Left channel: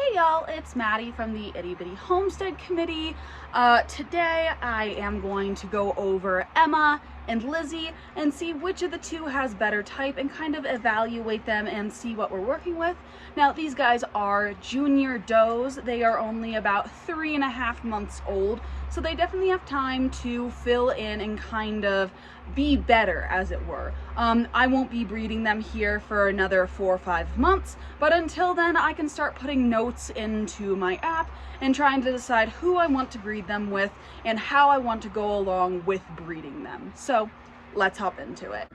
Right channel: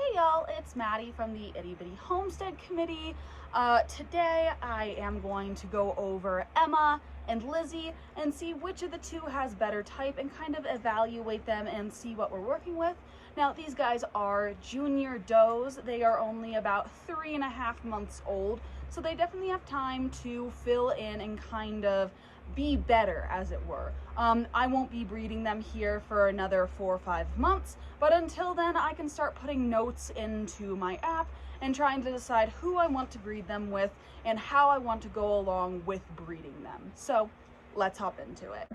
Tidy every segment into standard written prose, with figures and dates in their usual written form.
Hey y'all, it's Maddie from the Itty Bitty Homestead Committee. Today I am going to go over Emma and Lizzie and see which of the two has better type and kind of evaluate them and see what we're working with. Now these guys are junior does. They are only about 3.5 months old, so they definitely have time to fill in and kind of be better, as it were. I won't be breeding them here for another 4 or 5 months, but until then I can start putting notes into my app and trying to decide who I want to breed them with and how I want to go along with breeding them. So let's hop into it.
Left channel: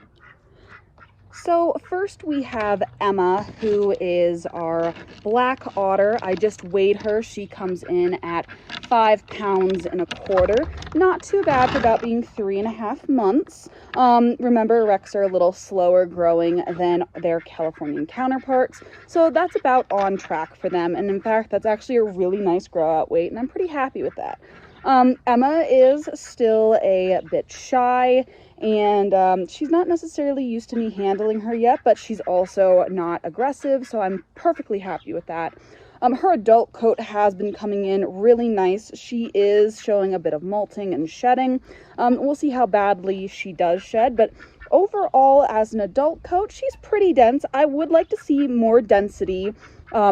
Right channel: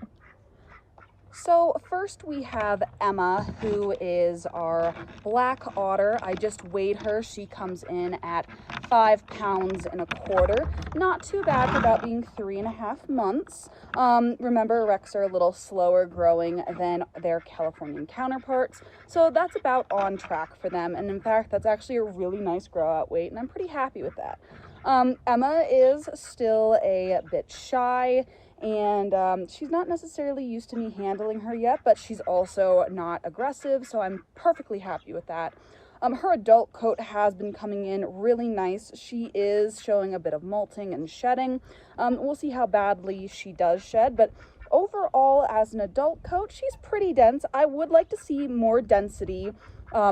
So first we have Emma, who is our black otter. I just weighed her. She comes in at 5 pounds and a quarter. Not too bad for about being 3.5 months. Remember, Rex are a little slower growing than their Californian counterparts, so that's about on track for them. And in fact, that's actually a really nice grow out weight, and I'm pretty happy with that. Emma is still a bit shy, and she's not necessarily used to me handling her yet, but she's also not aggressive, so I'm perfectly happy with that. Her adult coat has been coming in really nice. She is showing a bit of molting and shedding. We'll see how badly she does shed, but overall, as an adult coat, she's pretty dense. I would like to see more density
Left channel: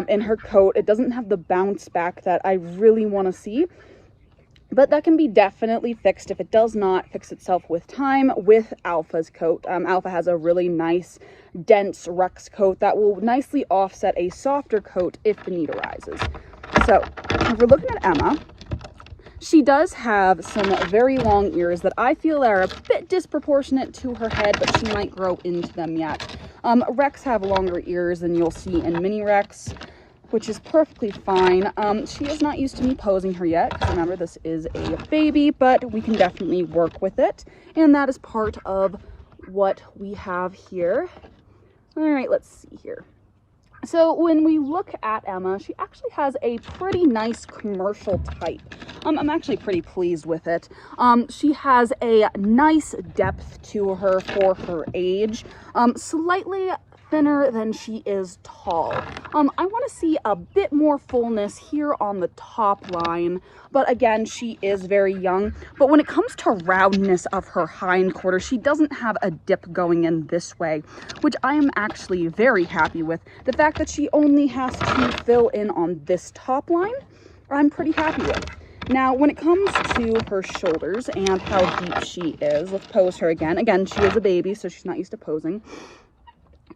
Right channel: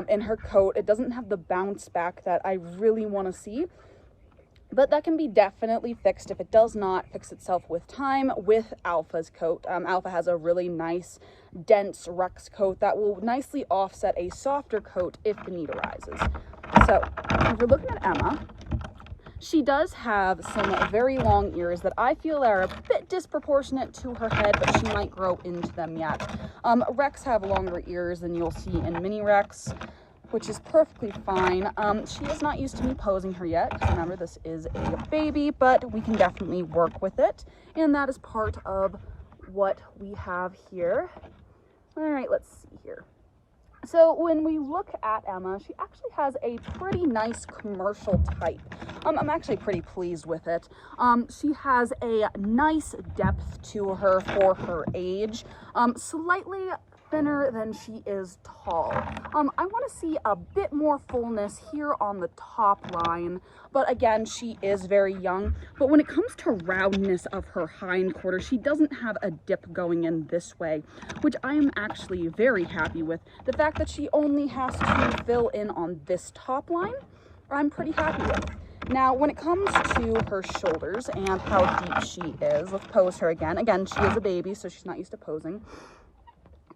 in her coat. It doesn't have the bounce back that I really want to see, but that can be definitely fixed if it does not fix itself with time with Alpha's coat. Alpha has a really nice, dense Rex coat that will nicely offset a softer coat if the need arises. So if we're looking at Emma, she does have some very long ears that I feel are a bit disproportionate to her head, but she might grow into them yet. Rex have longer ears than you'll see in Mini Rex, which is perfectly fine. She is not used to me posing her yet, because remember, this is a baby, but we can definitely work with it, and that is part of what we have here. All right, let's see here. So when we look at Emma, she actually has a pretty nice commercial type. I'm actually pretty pleased with it. She has a nice depth to her for her age, slightly thinner than she is tall. I want to see a bit more fullness here on the top line, but again, she is very young. But when it comes to roundness of her hindquarters, she doesn't have a dip going in this way, which I am actually very happy with. The fact that she only has to fill in on this top line, I'm pretty happy with. Now, when it comes to her shoulders and how deep she is, let's pose her again. Again, she is a baby, so she's not used to posing.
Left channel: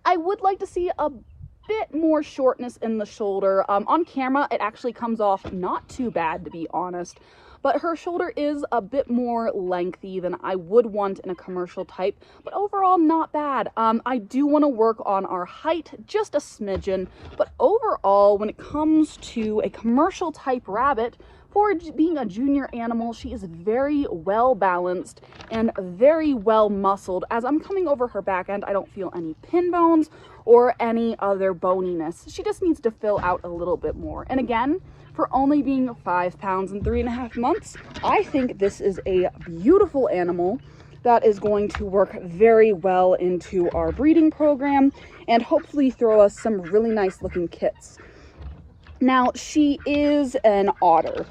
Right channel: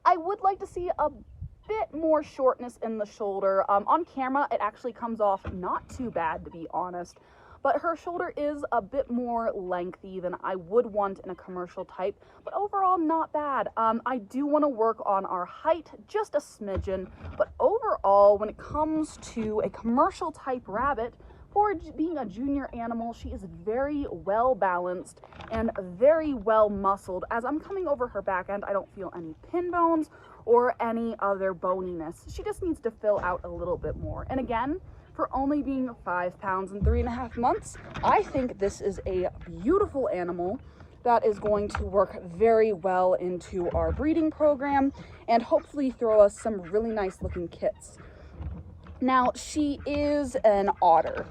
I would like to see a bit more shortness in the shoulder. On camera, it actually comes off not too bad, to be honest, but her shoulder is a bit more lengthy than I would want in a commercial type, but overall not bad. I do want to work on our height just a smidgen, but overall, when it comes to a commercial type rabbit, for being a junior animal, she is very well balanced and very well muscled. As I'm coming over her back end, I don't feel any pin bones or any other boniness. She just needs to fill out a little bit more. And again, for only being 5 pounds and 3.5 months, I think this is a beautiful animal that is going to work very well into our breeding program and hopefully throw us some really nice looking kits. Now, she is an otter.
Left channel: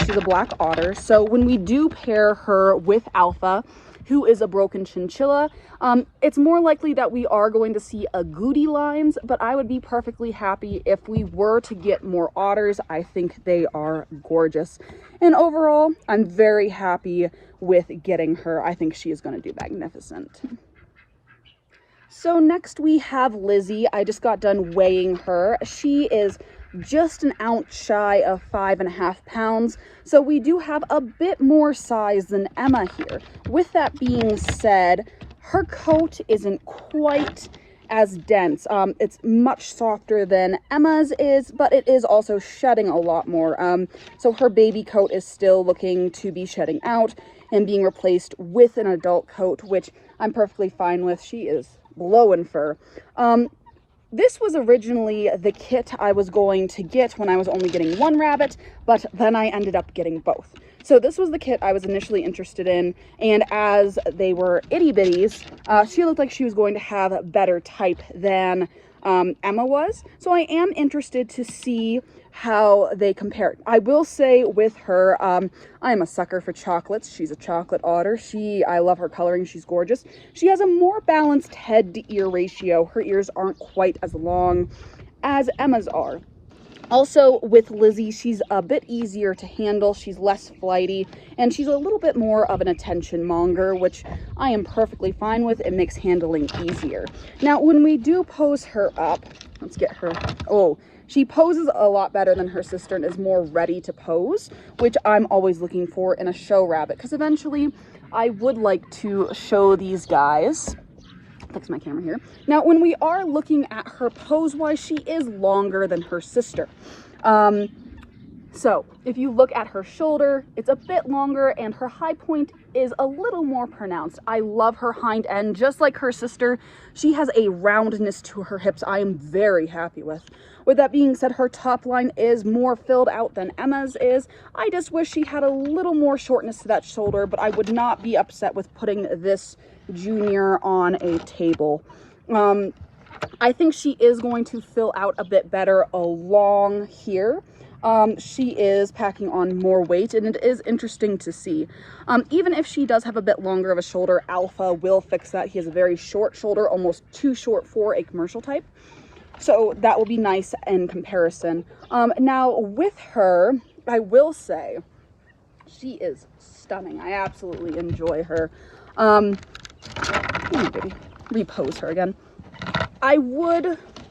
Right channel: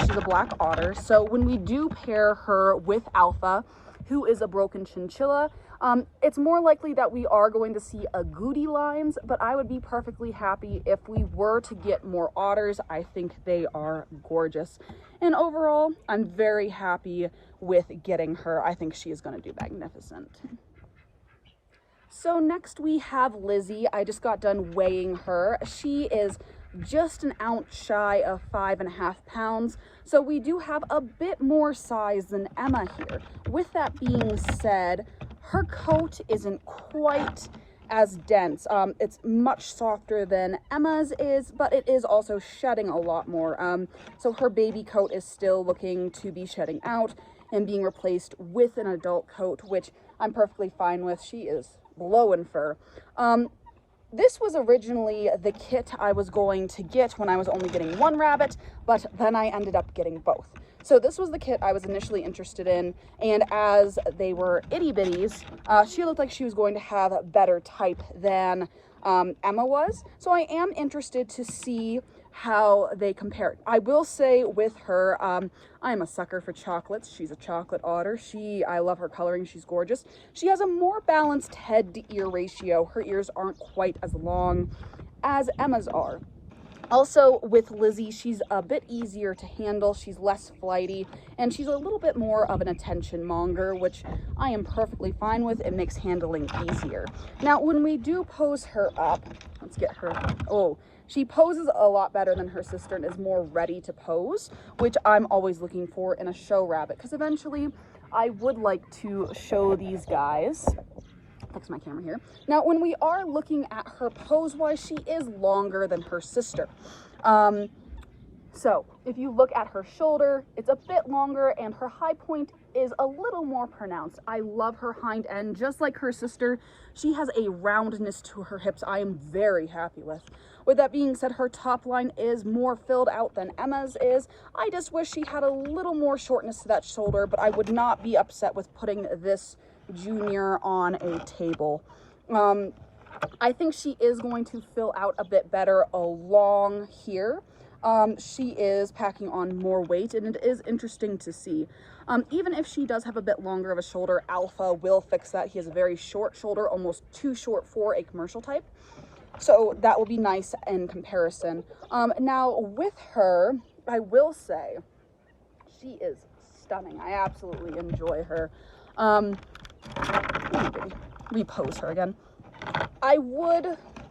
She's a black otter. So when we do pair her with Alpha, who is a broken chinchilla, it's more likely that we are going to see agouti lines, but I would be perfectly happy if we were to get more otters. I think they are gorgeous. And overall, I'm very happy with getting her. I think she is going to do magnificent. So next we have Lizzie. I just got done weighing her. She is just an ounce shy of 5.5 pounds, so we do have a bit more size than Emma here. With that being said, her coat isn't quite as dense. It's much softer than Emma's is, but it is also shedding a lot more. So her baby coat is still looking to be shedding out and being replaced with an adult coat, which I'm perfectly fine with. She is blowing fur. This was originally the kit I was going to get when I was only getting one rabbit, but then I ended up getting both. So this was the kit I was initially interested in, and as they were itty bitties, she looked like she was going to have better type than Emma was. So I am interested to see how they compare. I will say with her, I am a sucker for chocolates. She's a chocolate otter. I love her coloring. She's gorgeous. She has a more balanced head to ear ratio. Her ears aren't quite as long as Emma's are. Also with Lizzie, she's a bit easier to handle, she's less flighty, and she's a little bit more of an attention monger, which I am perfectly fine with. It makes handling easier. Now, when we do pose her up, let's get her, oh, she poses a lot better than her sister and is more ready to pose, which I'm always looking for in a show rabbit, because eventually I would like to show these guys. Fix my camera here. Now, when we are looking at her pose-wise, she is longer than her sister. So if you look at her shoulder, it's a bit longer and her high point is a little more pronounced. I love her hind end, just like her sister. She has a roundness to her hips I am very happy with. With that being said, her top line is more filled out than Emma's is. I just wish she had a little more shortness to that shoulder, but I would not be upset with putting this junior on a table. I think she is going to fill out a bit better along here. She is packing on more weight, and it is interesting to see. Even if she does have a bit longer of a shoulder, Alpha will fix that. He has a very short shoulder, almost too short for a commercial type. So that will be nice in comparison. Now with her, I will say she is stunning. I absolutely enjoy her. Baby, repose her again.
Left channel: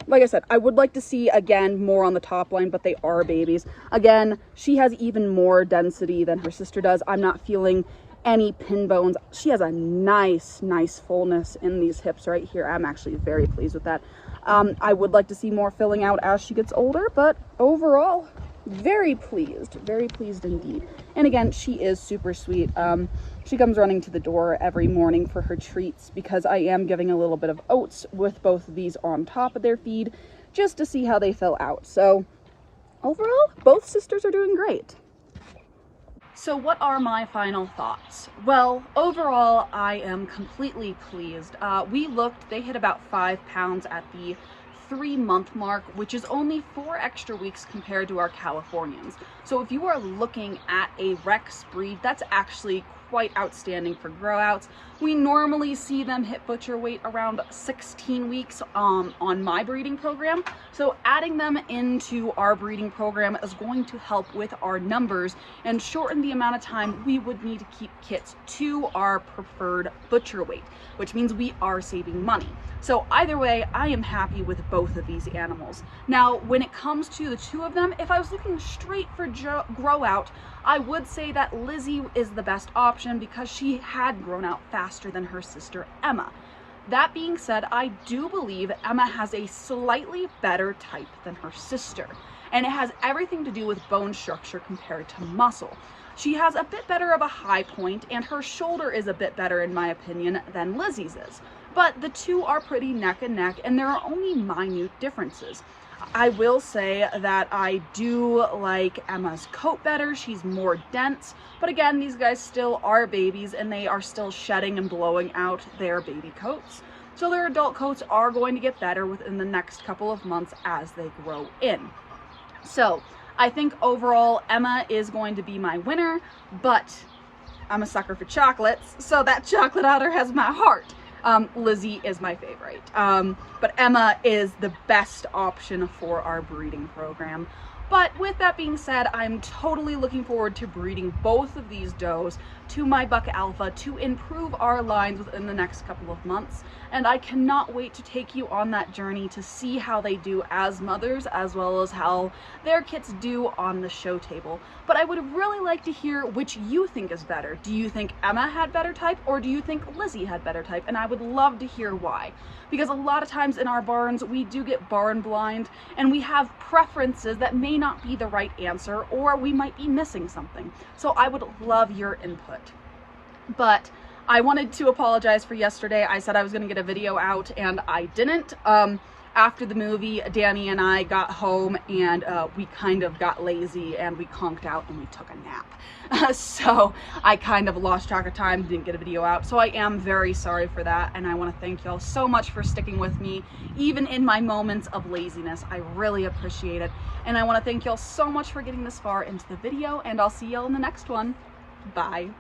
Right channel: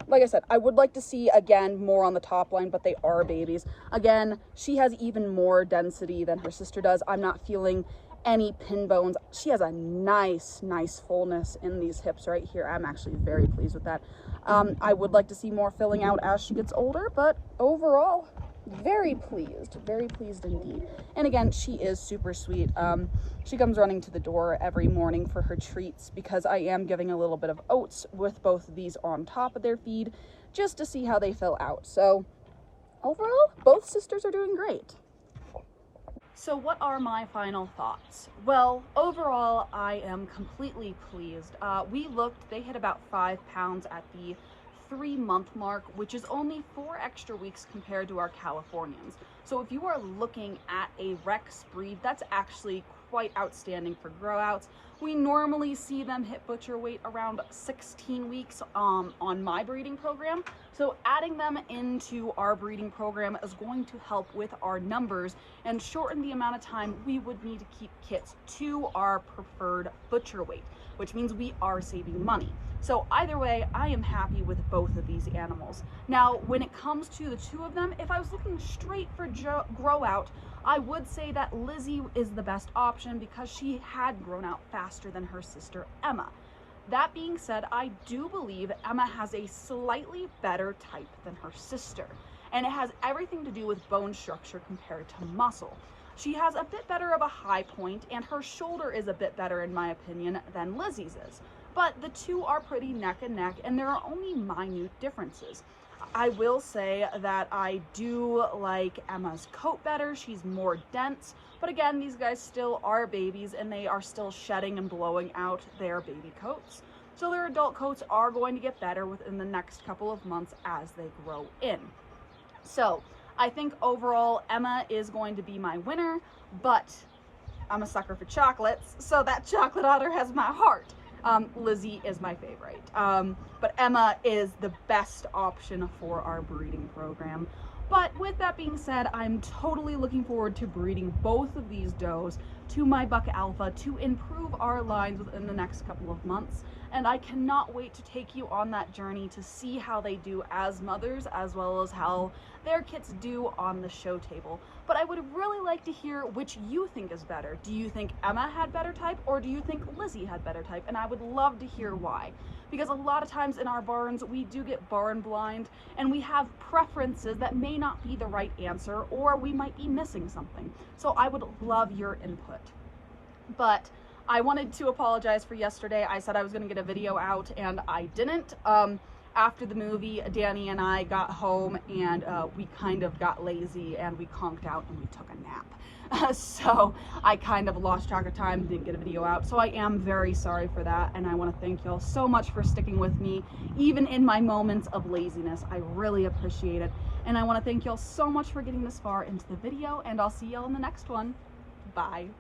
Like I said, I would like to see, again, more on the top line, but they are babies. Again, she has even more density than her sister does. I'm not feeling any pin bones. She has a nice fullness in these hips right here. I'm actually very pleased with that. I would like to see more filling out as she gets older, but overall, very pleased indeed. And again, she is super sweet. She comes running to the door every morning for her treats because I am giving a little bit of oats with both of these on top of their feed just to see how they fill out. So overall, both sisters are doing great. So what are my final thoughts? Well, overall, I am completely pleased. We looked, they hit about 5 pounds at the 3-month mark, which is only 4 extra weeks compared to our Californians. So if you are looking at a Rex breed, that's actually quite outstanding for grow outs. We normally see them hit butcher weight around 16 weeks on my breeding program. So adding them into our breeding program is going to help with our numbers and shorten the amount of time we would need to keep kits to our preferred butcher weight, which means we are saving money. So either way, I am happy with both of these animals. Now, when it comes to the two of them, if I was looking straight for grow out, I would say that Lizzie is the best option because she had grown out faster than her sister Emma. That being said, I do believe Emma has a slightly better type than her sister, and it has everything to do with bone structure compared to muscle. She has a bit better of a high point, and her shoulder is a bit better, in my opinion, than Lizzie's is. But the two are pretty neck and neck, and there are only minute differences. I will say that I do like Emma's coat better. She's more dense, but again, these guys still are babies and they are still shedding and blowing out their baby coats. So their adult coats are going to get better within the next couple of months as they grow in. So I think overall Emma is going to be my winner, but I'm a sucker for chocolates, so that chocolate otter has my heart. Lizzie is my favorite, but Emma is the best option for our breeding program. But with that being said, I'm totally looking forward to breeding both of these does to my buck alpha to improve our lines within the next couple of months. And I cannot wait to take you on that journey to see how they do as mothers, as well as how their kits do on the show table. But I would really like to hear which you think is better. Do you think Emma had better type, or do you think Lizzie had better type? And I would love to hear why. Because a lot of times in our barns, we do get barn blind, and we have preferences that may not be the right answer, or we might be missing something. So I would love your input. But I wanted to apologize for yesterday. I said I was going to get a video out and I didn't. after the movie, Danny and I got home and we kind of got lazy and we conked out and we took a nap. So I kind of lost track of time, didn't get a video out. So I am very sorry for that, and I want to thank y'all so much for sticking with me, even in my moments of laziness. I really appreciate it. And I want to thank y'all so much for getting this far into the video, and I'll see y'all in the next one. Bye.